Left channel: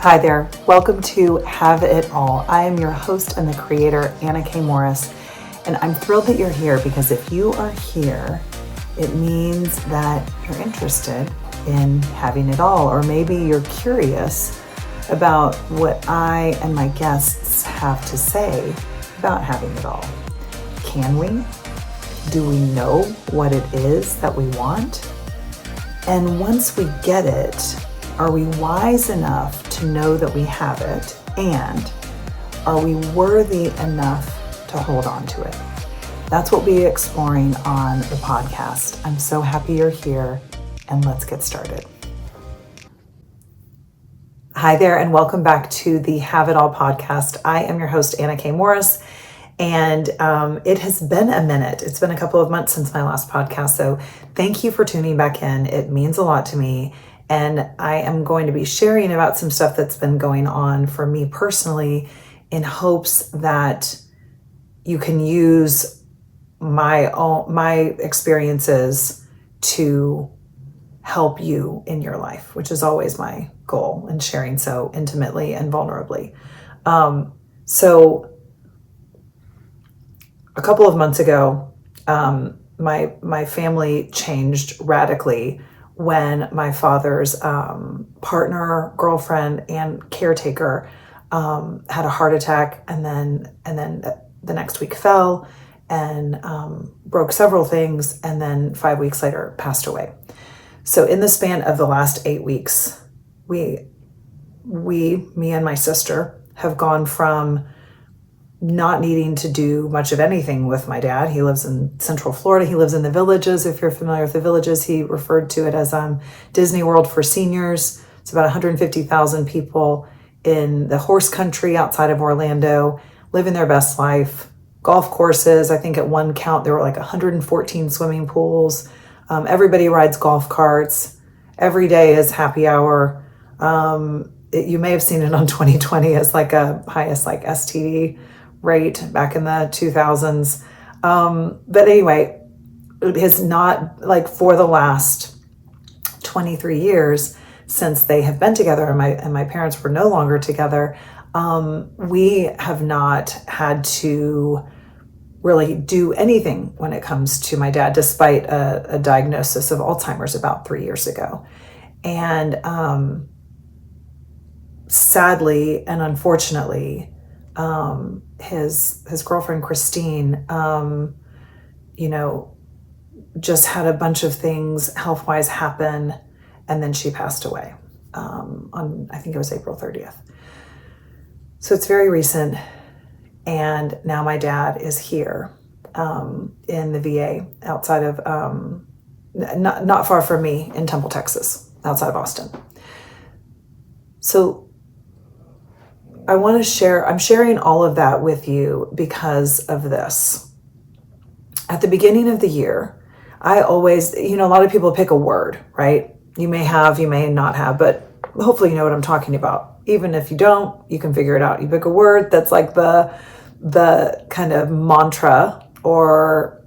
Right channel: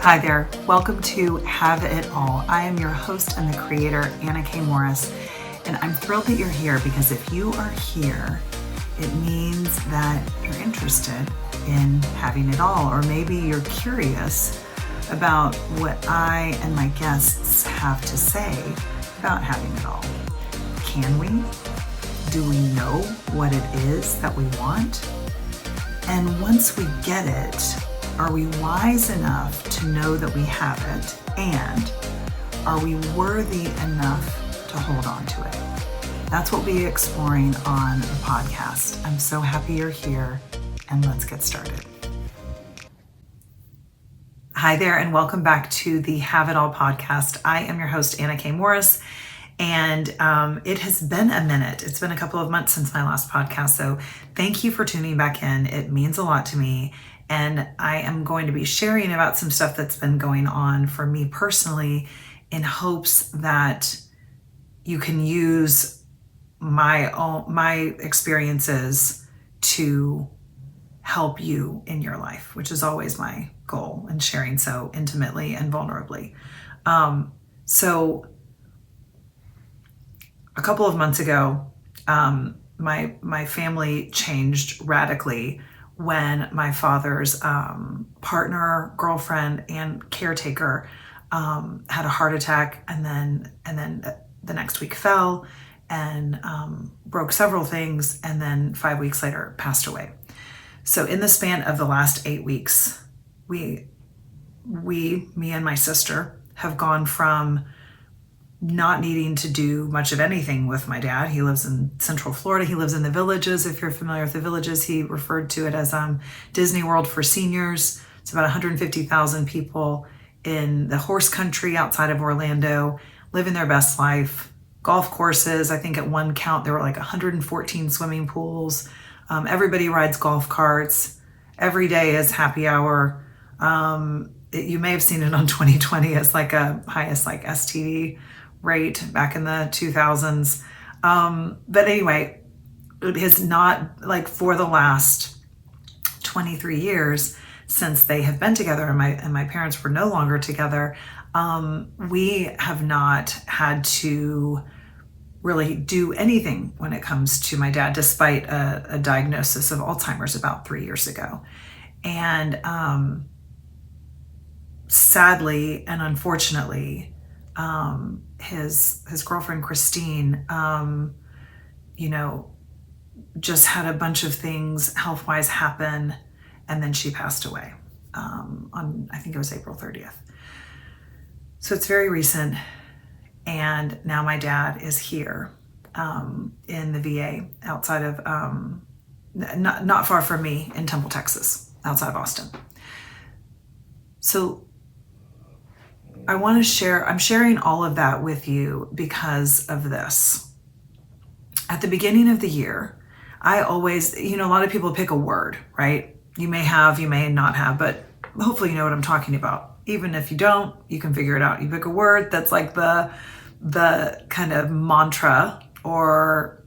Hi there. Welcome to Have It All. I am your host and the creator, Anna K. Morris, and I'm thrilled that you're here because if you are here, it means that you're interested in having it all, or maybe you're curious about what I and my guests have to say about having it all. Can we? Do we know what it is that we want? And once we get it, are we wise enough to know that we have it? And are we worthy enough to hold on to it? That's what we'll be exploring on the podcast. I'm so happy you're here, and let's get started. Hi there, and welcome back to the Have It All podcast. I am your host, Anna K. Morris, and it has been a minute. It's been a couple of months since my last podcast, so thank you for tuning back in. It means a lot to me. And I am going to be sharing about some stuff that's been going on for me personally in hopes that you can use my experiences to help you in your life, which is always my goal in sharing so intimately and vulnerably. So a couple of months ago, my family changed radically when my father's partner, girlfriend, and caretaker had a heart attack, and then the next week fell and broke several things, and then 5 weeks later passed away. So in the span of the last 8 weeks, me and my sister, have gone from not needing to do much of anything with my dad. He lives in Central Florida. He lives in the Villages. If you're familiar with the Villages, he referred to it as Disney World for seniors. It's about 150,000 people in the horse country outside of Orlando, living their best life. Golf courses, I think at one count, there were like 114 swimming pools. Everybody rides golf carts. Every day is happy hour. You may have seen it on 2020 as like a highest like STD rate back in the 2000s. But anyway, it has not, like, for the last 23 years since they have been together and my parents were no longer together, we have not had to really do anything when it comes to my dad, despite a diagnosis of Alzheimer's about 3 years ago. And sadly and unfortunately, his girlfriend Christine, just had a bunch of things health-wise happen, and then she passed away on, I think it was April 30th. So it's very recent, and now my dad is here in the VA outside of not far from me in Temple, Texas, outside of Austin. So I want to share, I'm sharing all of that with you because of this. At the beginning of the year, I always, a lot of people pick a word, right? You may have, you may not have, but hopefully you know what I'm talking about. Even if you don't, you can figure it out. You pick a word that's like the kind of mantra or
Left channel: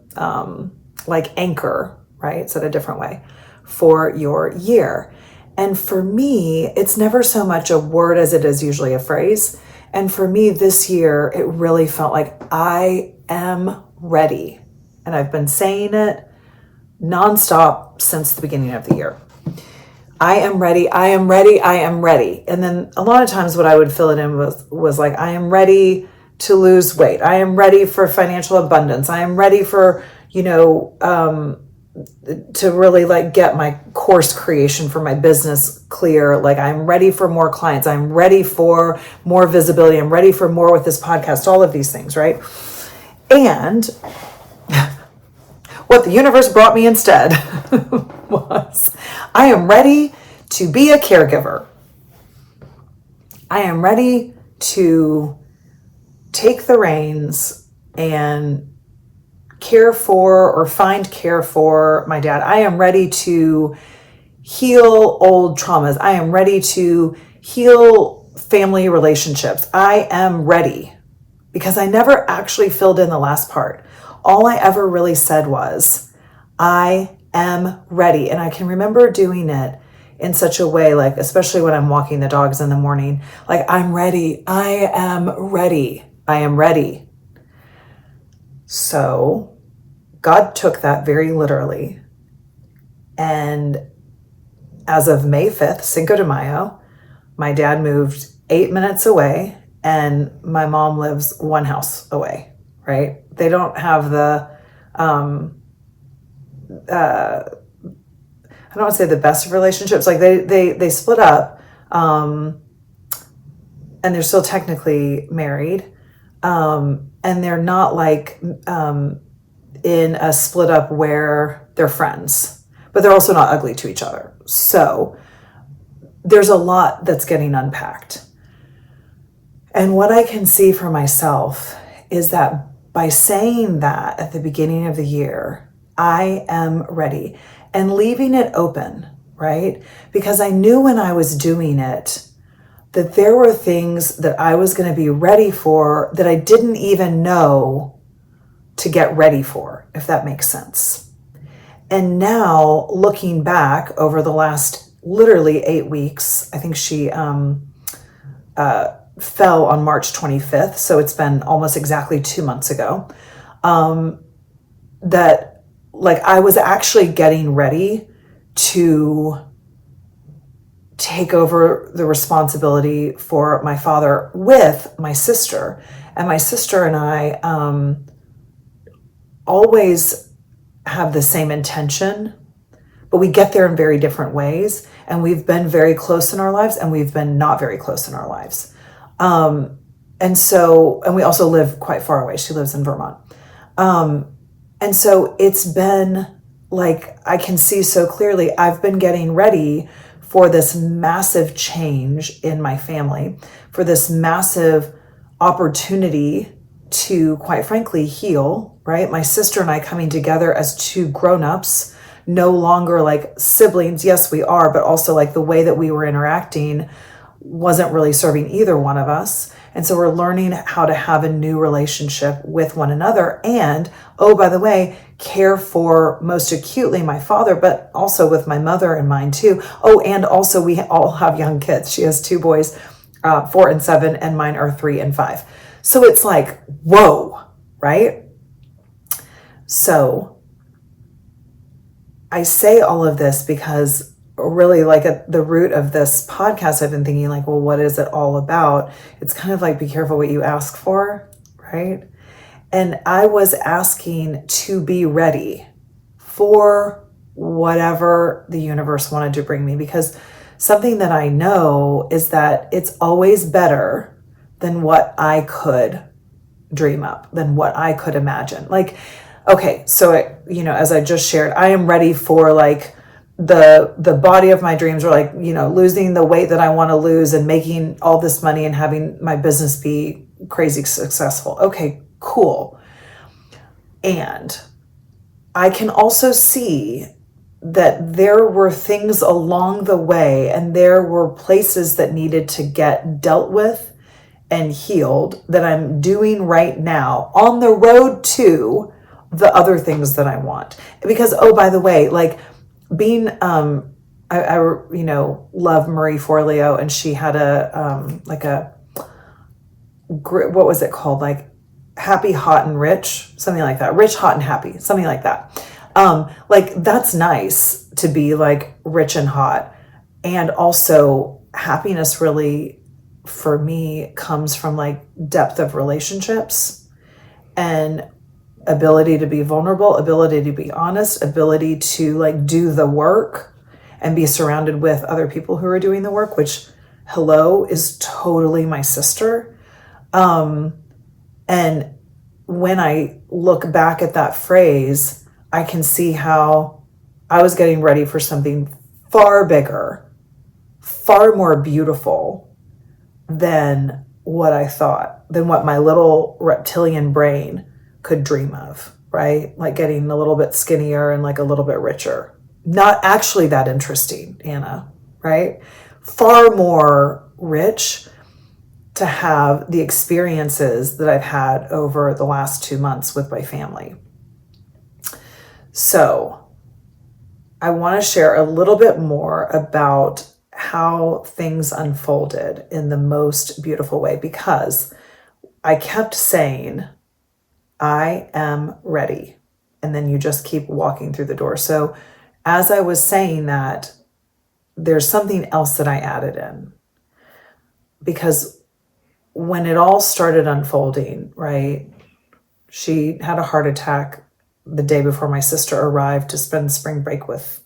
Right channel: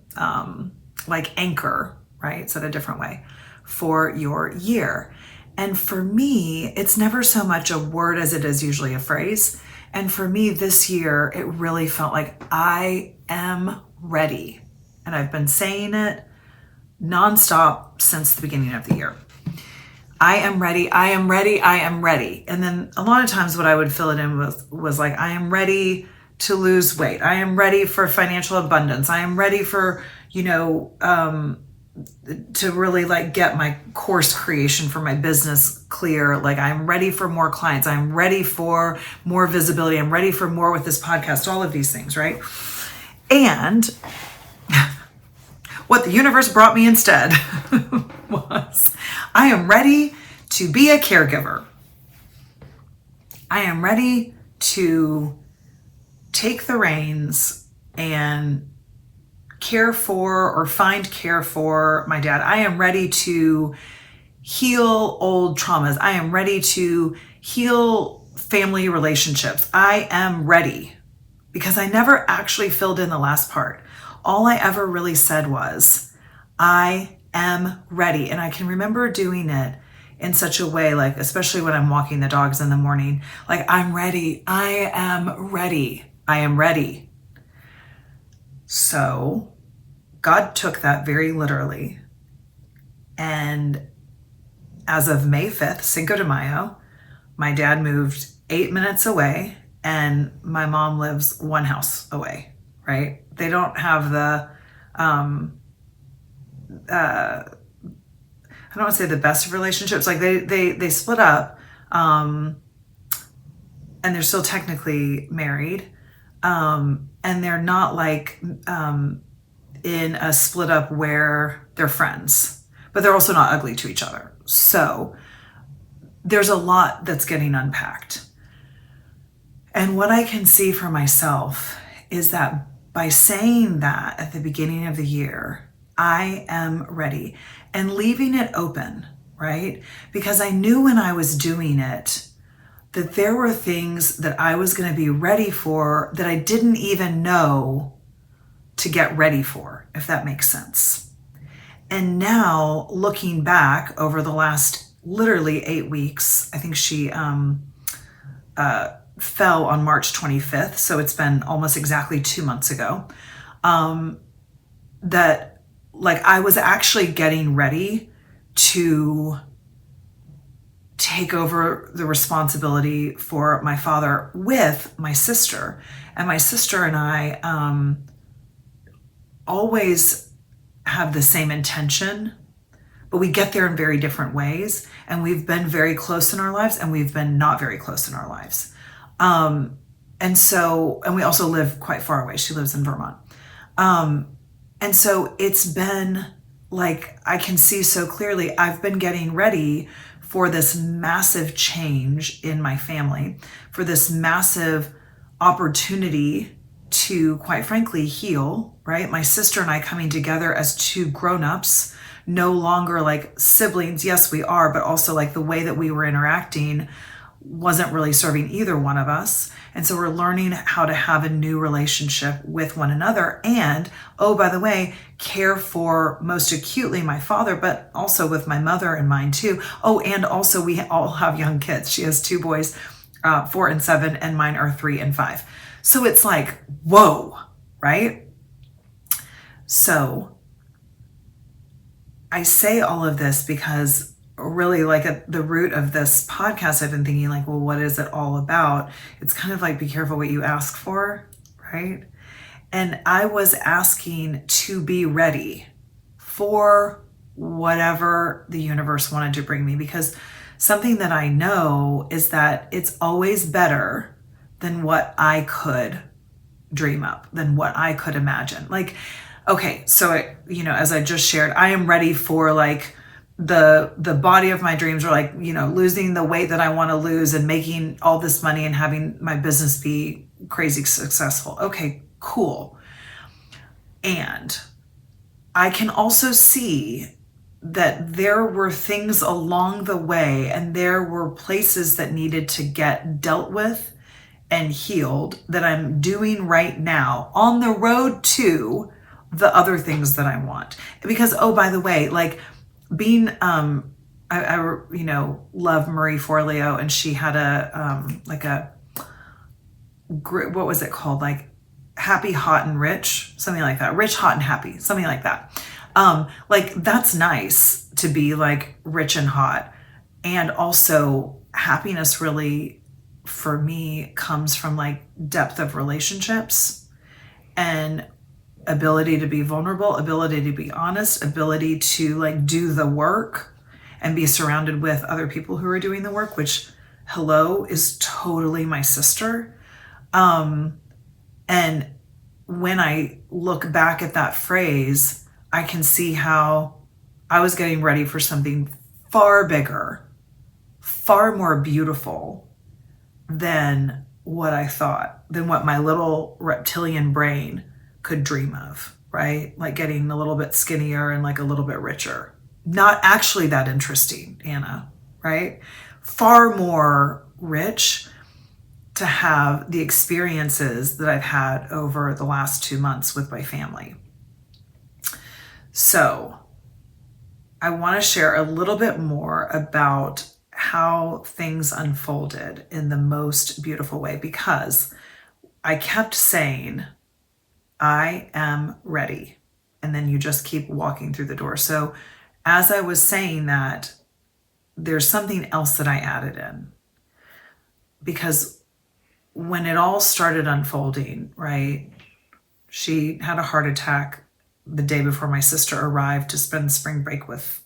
like anchor, right? Said a different way, for your year. And for me, it's never so much a word as it is usually a phrase. And for me this year, it really felt like I am ready. And I've been saying it nonstop since the beginning of the year. I am ready, I am ready, I am ready. And then a lot of times what I would fill it in with was like, I am ready to lose weight. I am ready for financial abundance. I am ready for, to really like get my course creation for my business clear. Like, I'm ready for more clients. I'm ready for more visibility. I'm ready for more with this podcast, all of these things, right? And what the universe brought me instead was, I am ready to be a caregiver. I am ready to take the reins and care for or find care for my dad. I am ready to heal old traumas. I am ready to heal family relationships. I am ready, because I never actually filled in the last part. All I ever really said was, I am ready. And I can remember doing it in such a way, like, especially when I'm walking the dogs in the morning, like, I'm ready. I am ready. I am ready. So God took that very literally. And as of May 5th, Cinco de Mayo, my dad moved 8 minutes away and my mom lives one house away, right? They don't have the, I don't want to say the best of relationships. Like they split up, and they're still technically married. And they're not like, in a split up where they're friends, but they're also not ugly to each other. So there's a lot that's getting unpacked. And what I can see for myself is that by saying that at the beginning of the year, I am ready, and leaving it open, right? Because I knew when I was doing it that there were things that I was going to be ready for that I didn't even know to get ready for, if that makes sense. And now looking back over the last literally 8 weeks, I think she fell on March 25th. So it's been almost exactly 2 months ago, that like I was actually getting ready to take over the responsibility for my father with my sister. And my sister and I always have the same intention, but we get there in very different ways. And we've been very close in our lives, and we've been not very close in our lives. And we also live quite far away. She lives in Vermont. And so it's been like, I can see so clearly, I've been getting ready for this massive change in my family, for this massive opportunity to, quite frankly, heal, right? My sister and I coming together as two grown-ups, no longer like siblings. Yes, we are, but also like the way that we were interacting wasn't really serving either one of us. And so we're learning how to have a new relationship with one another. And, oh, by the way, care for most acutely my father, but also with my mother in mind too. Oh, and also we all have young kids. She has 2 boys, 4 and 7, and mine are 3 and 5. So it's like, whoa, right? So I say all of this because really, like, at the root of this podcast, I've been thinking like, well, what is it all about? It's kind of like, be careful what you ask for, right? And I was asking to be ready for whatever the universe wanted to bring me, because something that I know is that it's always better than what I could dream up, than what I could imagine. Like, okay, so as I just shared, I am ready for like the body of my dreams, or like, losing the weight that I want to lose and making all this money and having my business be crazy successful. Okay, cool. And I can also see that there were things along the way, and there were places that needed to get dealt with and healed that I'm doing right now on the road to the other things that I want. Because, oh, by the way, like, being, I love Marie Forleo, and she had what was it called? Like Happy, Hot, and Rich, something like that. Rich, Hot, and Happy, something like that. Like, that's nice to be like rich and hot. And also happiness really, for me, comes from like depth of relationships and ability to be vulnerable, ability to be honest, ability to like do the work and be surrounded with other people who are doing the work, which, hello, is totally my sister. And when I look back at that phrase, I can see how I was getting ready for something far bigger, far more beautiful than what I thought, than what my little reptilian brain could dream of, right? Like getting a little bit skinnier and like a little bit richer. Not actually that interesting, Anna, right? Far more rich to have the experiences that I've had over the last 2 months with my family. So I want to share a little bit more about how things unfolded in the most beautiful way, because I kept saying, I am ready. And then you just keep walking through the door. So as I was saying that, there's something else that I added in, because when it all started unfolding, right, she had a heart attack the day before my sister arrived to spend spring break with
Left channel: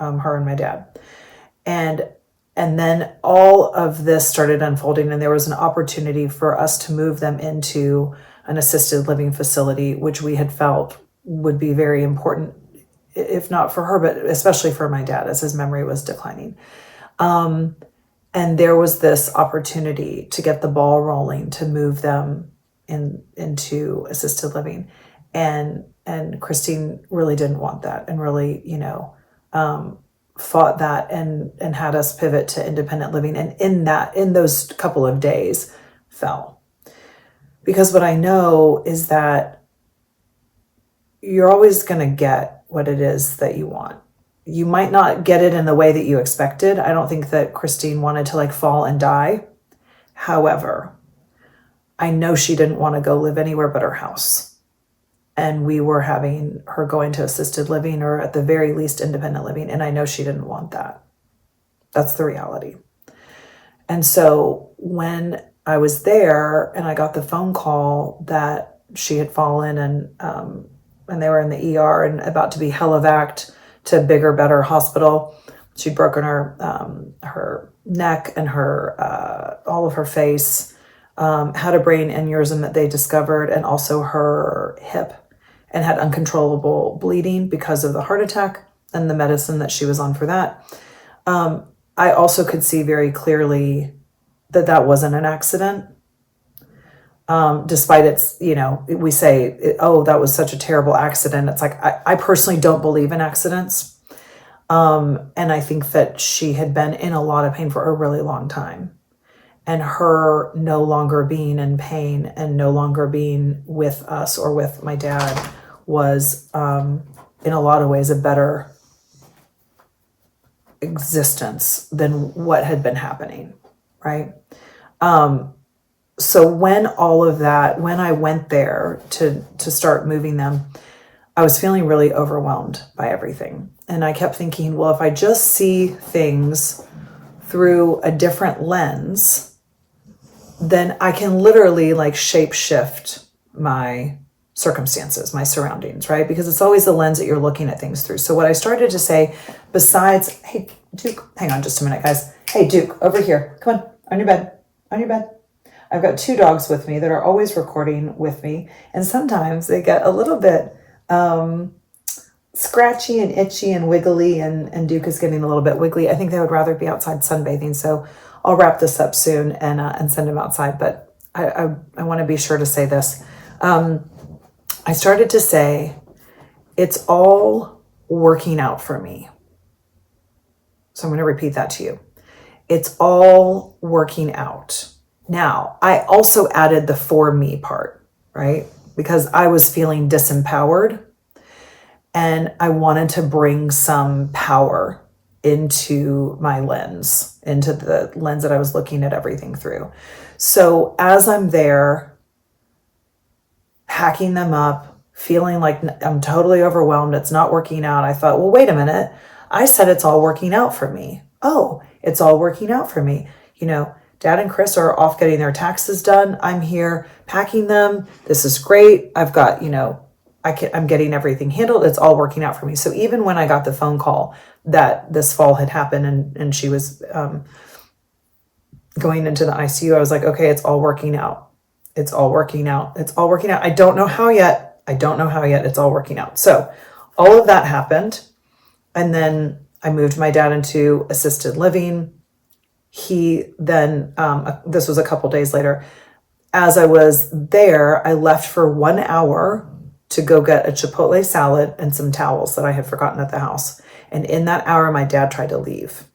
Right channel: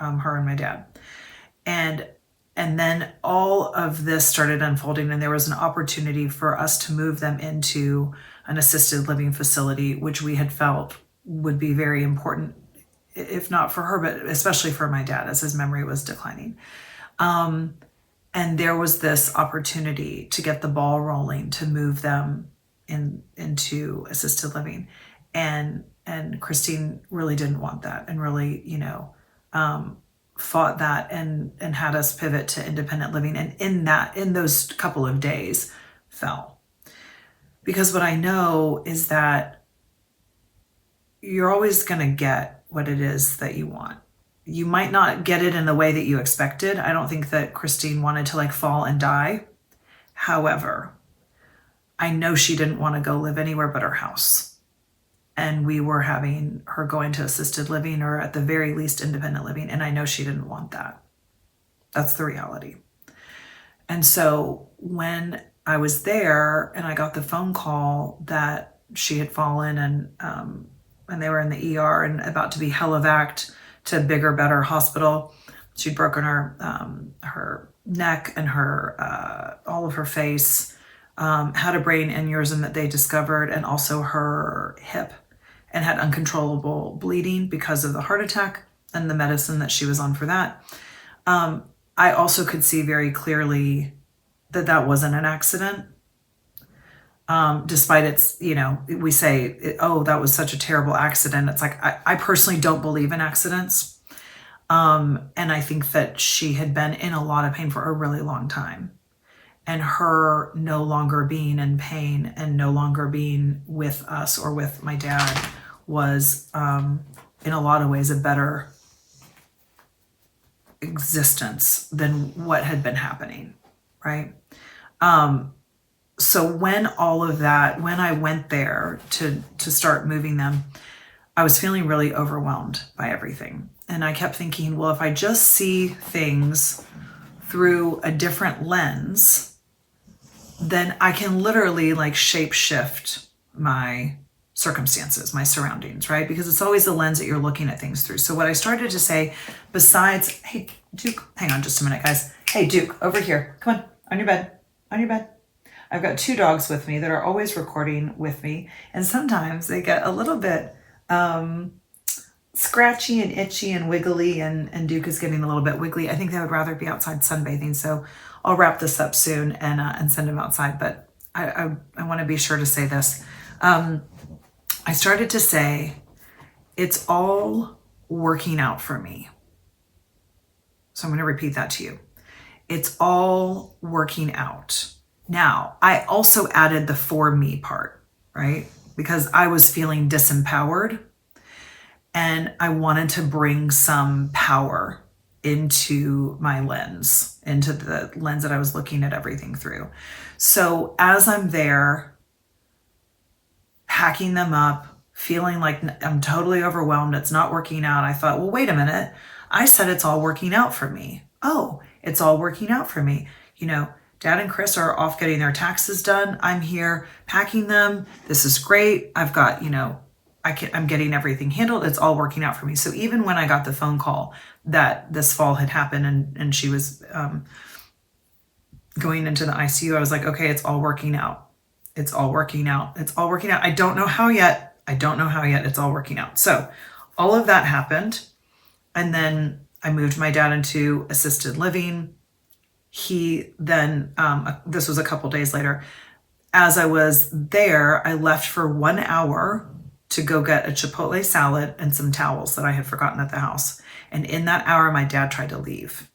her and my dad. And then all of this started unfolding, and there was an opportunity for us to move them into an assisted living facility, which we had felt would be very important, if not for her, but especially for my dad, as his memory was declining. And there was this opportunity to get the ball rolling, to move them into assisted living. And Christine really didn't want that, and really, fought that and had us pivot to independent living. And in those couple of days fell. Because what I know is that you're always going to get what it is that you want. You might not get it in the way that you expected. I don't think that Christine wanted to fall and die. However, I know she didn't want to go live anywhere but her house. And we were having her going to assisted living, or at the very least independent living. And I know she didn't want that. That's the reality. And so when I was there and I got the phone call that she had fallen and they were in the ER and about to be helivac'd to bigger, better hospital. She'd broken her neck and her all of her face, had a brain aneurysm that they discovered, and also her hip, and had uncontrollable bleeding because of the heart attack and the medicine that she was on for that. I also could see very clearly that wasn't an accident. Despite it's, we say, oh, that was such a terrible accident. It's like, I personally don't believe in accidents. And I think that she had been in a lot of pain for a really long time. And her no longer being in pain and no longer being with us or with my dad was, in a lot of ways, a better existence than what had been happening, right? So when I went there to start moving them, I was feeling really overwhelmed by everything. And I kept thinking, well, if I just see things through a different lens, then I can literally shape shift my circumstances, my surroundings, right? Because it's always the lens that you're looking at things through. So what I started to say, besides, hey, Duke, hang on just a minute, guys. Hey, Duke, over here. Come on your bed. I've got 2 dogs with me that are always recording with me. And sometimes they get a little bit scratchy and itchy and wiggly, and Duke is getting a little bit wiggly. I think they would rather be outside sunbathing. So I'll wrap this up soon and send him outside. But I want to be sure to say this. I started to say, it's all working out for me. So I'm going to repeat that to you. It's all working out. Now, I also added the for me part, right? Because I was feeling disempowered and I wanted to bring some power into my lens, into the lens that I was looking at everything through. So as I'm there, packing them up, feeling like I'm totally overwhelmed, it's not working out, I thought, well, wait a minute. I said it's all working out for me. Oh, it's all working out for me. Dad and Chris are off getting their taxes done. I'm here packing them. This is great. I've got, I'm getting everything handled. It's all working out for me. So even when I got the phone call that this fall had happened and she was going into the ICU, I was like, okay, it's all working out. It's all working out. It's all working out. I don't know how yet. It's all working out. So all of that happened. And then I moved my dad into assisted living. He then, this was a couple days later, as I was there, I left for 1 hour to go get a Chipotle salad and some towels that I had forgotten at the house. And in that hour, my dad tried to leave,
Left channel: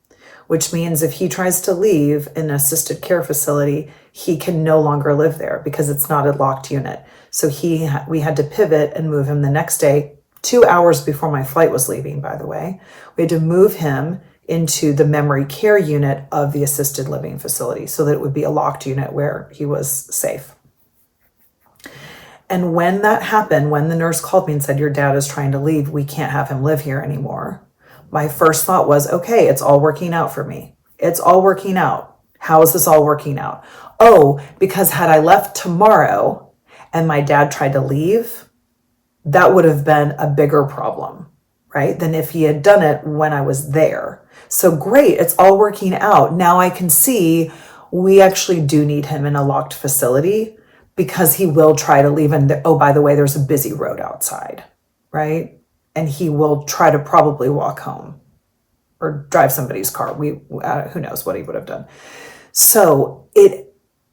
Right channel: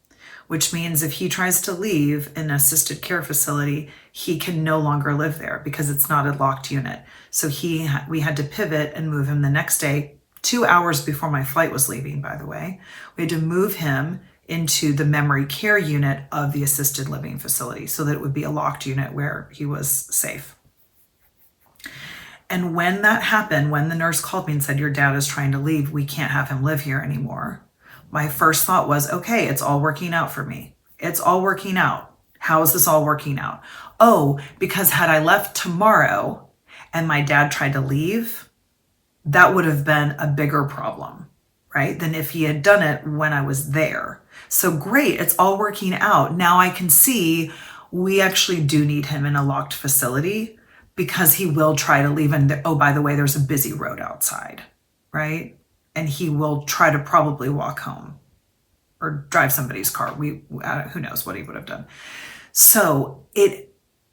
which means if he tries to leave an assisted care facility, he can no longer live there because it's not a locked unit. So we had to pivot and move him the next day 2 hours before my flight was leaving, by the way. We had to move him into the memory care unit of the assisted living facility so that it would be a locked unit where he was safe. And when that happened, when the nurse called me and said, your dad is trying to leave, we can't have him live here anymore, my first thought was, okay, it's all working out for me. It's all working out. How is this all working out? Oh, because had I left tomorrow and my dad tried to leave, that would have been a bigger problem, right? Than if he had done it when I was there. So great, it's all working out. Now I can see we actually do need him in a locked facility because he will try to leave. And oh, by the way, there's a busy road outside, right? And he will try to probably walk home or drive somebody's car. Who knows what he would have done. So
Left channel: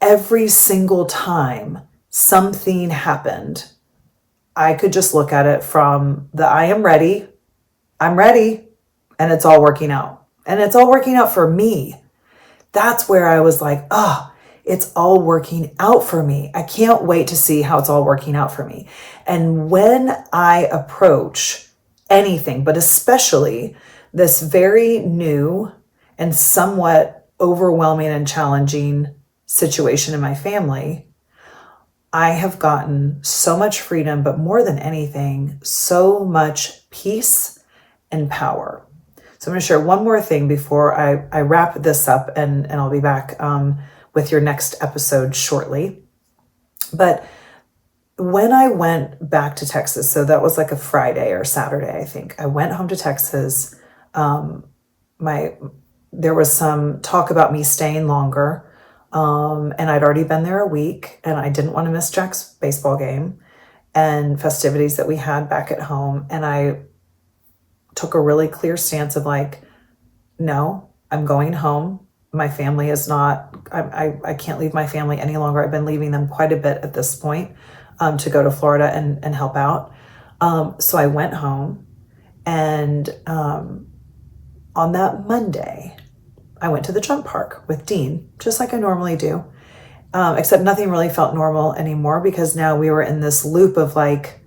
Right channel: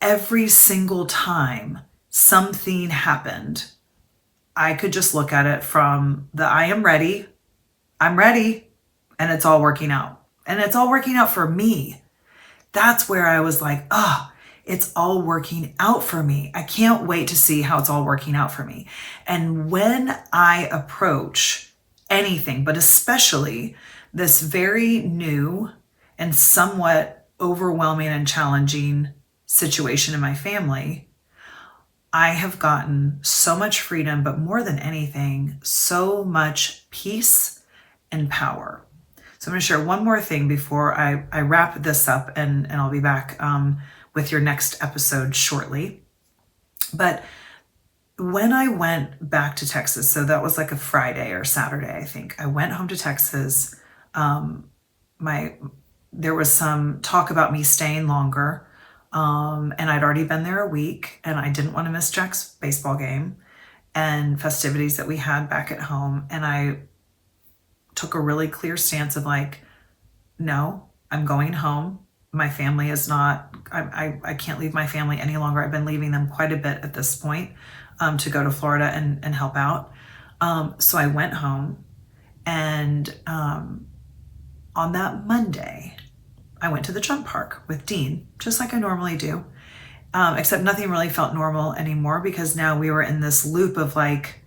every single time something happened, I could just look at it from I'm ready, and it's all working out. And it's all working out for me. That's where I was like, it's all working out for me. I can't wait to see how it's all working out for me. And when I approach anything, but especially this very new and somewhat overwhelming and challenging situation in my family, I have gotten so much freedom, but more than anything, so much peace and power. So I'm going to share one more thing before I wrap this up, and I'll be back with your next episode shortly. But when I went back to Texas, so that was like a Friday or Saturday, I think, I went home to Texas. There was some talk about me staying longer, and I'd already been there a week, and I didn't want to miss Jack's baseball game and festivities that we had back at home. And I took a really clear stance of like, no, I'm going home. My family is not, I can't leave my family any longer. I've been leaving them quite a bit at this point to go to Florida and help out. So I went home, and on that Monday, I went to the jump park with Dean, just like I normally do, except nothing really felt normal anymore because now we were in this loop of like,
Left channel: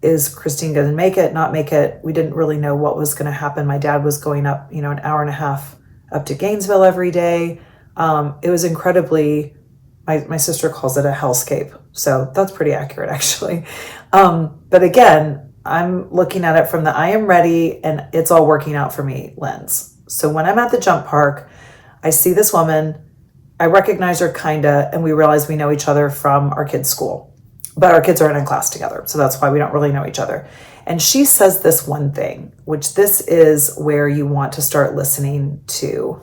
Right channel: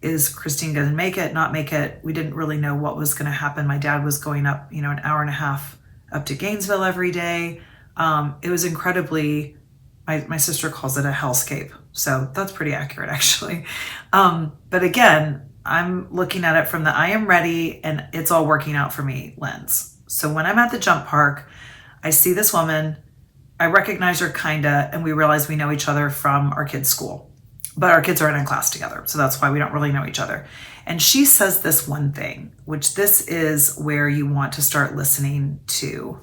is Christine going to make it, not make it? We didn't really know what was going to happen. My dad was going up, an hour and a half up to Gainesville every day. It was incredibly, my sister calls it a hellscape. So that's pretty accurate actually. But again, I'm looking at it from the I am ready and it's all working out for me lens. So when I'm at the jump park, I see this woman, I recognize her kinda, and we realize we know each other from our kids' school. But our kids are in a class together, so that's why we don't really know each other. And she says this one thing, which this is where you want to start listening to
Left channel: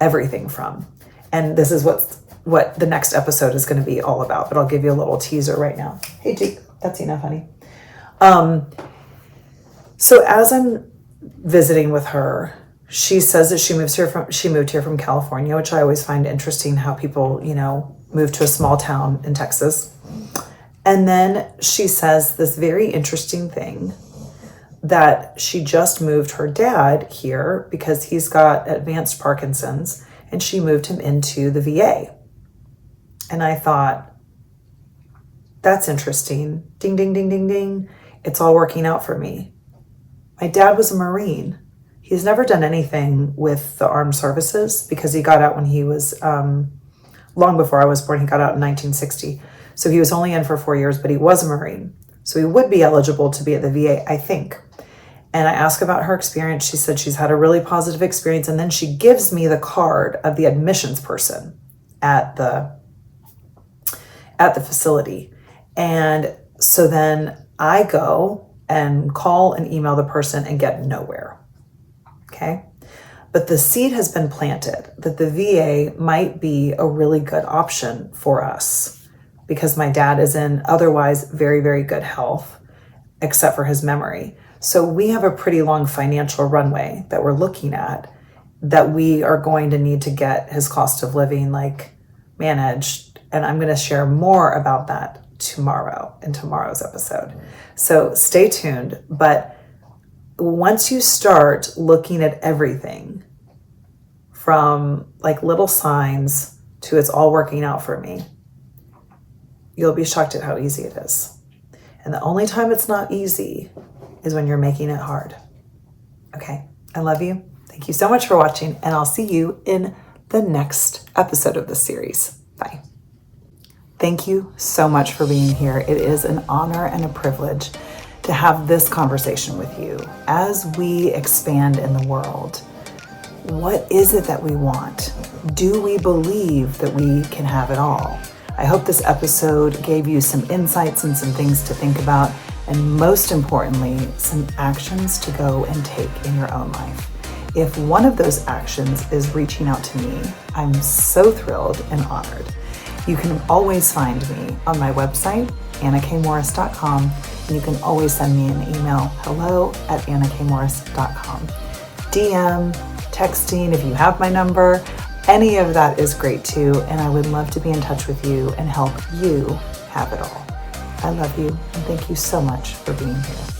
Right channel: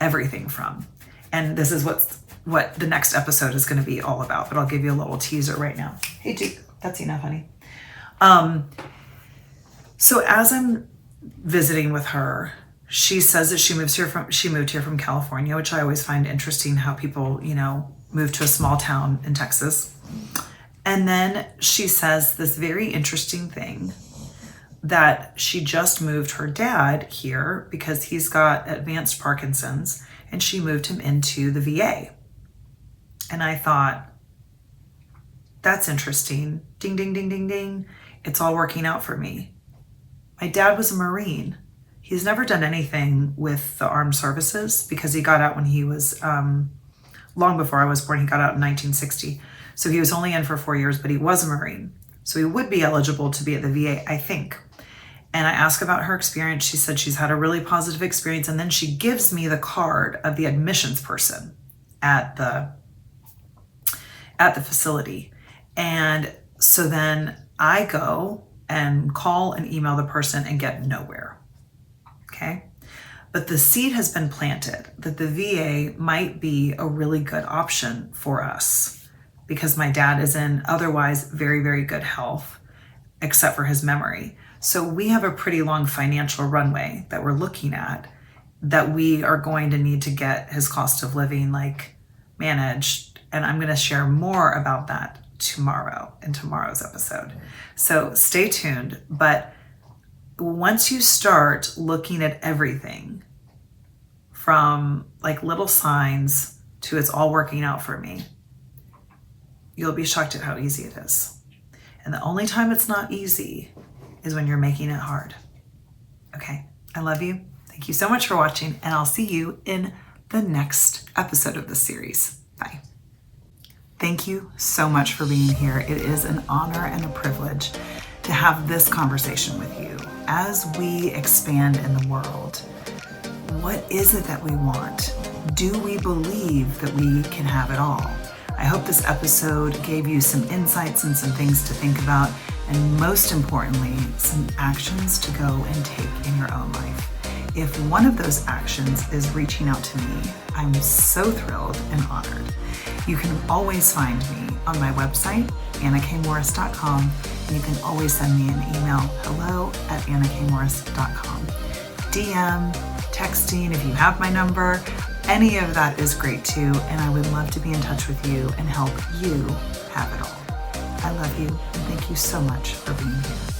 everything from. And this is what the next episode is going to be all about, but I'll give you a little teaser right now. Hey, Duke, that's enough, honey. So as I'm visiting with her, she says that she moved here from California, which I always find interesting how people, move to a small town in Texas. And then she says this very interesting thing that she just moved her dad here because he's got advanced Parkinson's, and she moved him into the VA. And I thought, that's interesting. Ding, ding, ding, ding, ding. It's all working out for me. My dad was a Marine. He's never done anything with the armed services because he got out when he was, long before I was born. He got out in 1960. So he was only in for 4 years, but he was a Marine. So he would be eligible to be at the VA, I think. And I asked about her experience. She said she's had a really positive experience. And then she gives me the card of the admissions person at the facility. And so then I go and call and email the person and get nowhere. Okay. But the seed has been planted that the VA might be a really good option for us because my dad is in otherwise very, very good health, except for his memory. So we have a pretty long financial runway that we're looking at that we are going to need to get his cost of living managed. And I'm going to share more about that tomorrow in tomorrow's episode. So stay tuned. But once you start looking at everything from little signs to it's all working out for me, you'll be shocked at how easy it is. And the only time it's not easy is when you're making it hard. Okay, I love you. Thank you so much for watching, and I'll see you in the next episode of this series. Bye. Thank you so much for being here. It is an honor and a privilege to have this conversation with you as we expand in the world. What is it that we want? Do we believe that we can have it all? I hope this episode gave you some insights and some things to think about, and most importantly, some actions to go and take in your own life. If one of those actions is reaching out to me, I'm so thrilled and honored. You can always find me on my website, annakmorris.com, and you can always send me an email, hello@annakmorris.com. DM, texting, if you have my number, any of that is great too, and I would love to be in touch with you and help you have it all. I love you, and thank you so much for being here.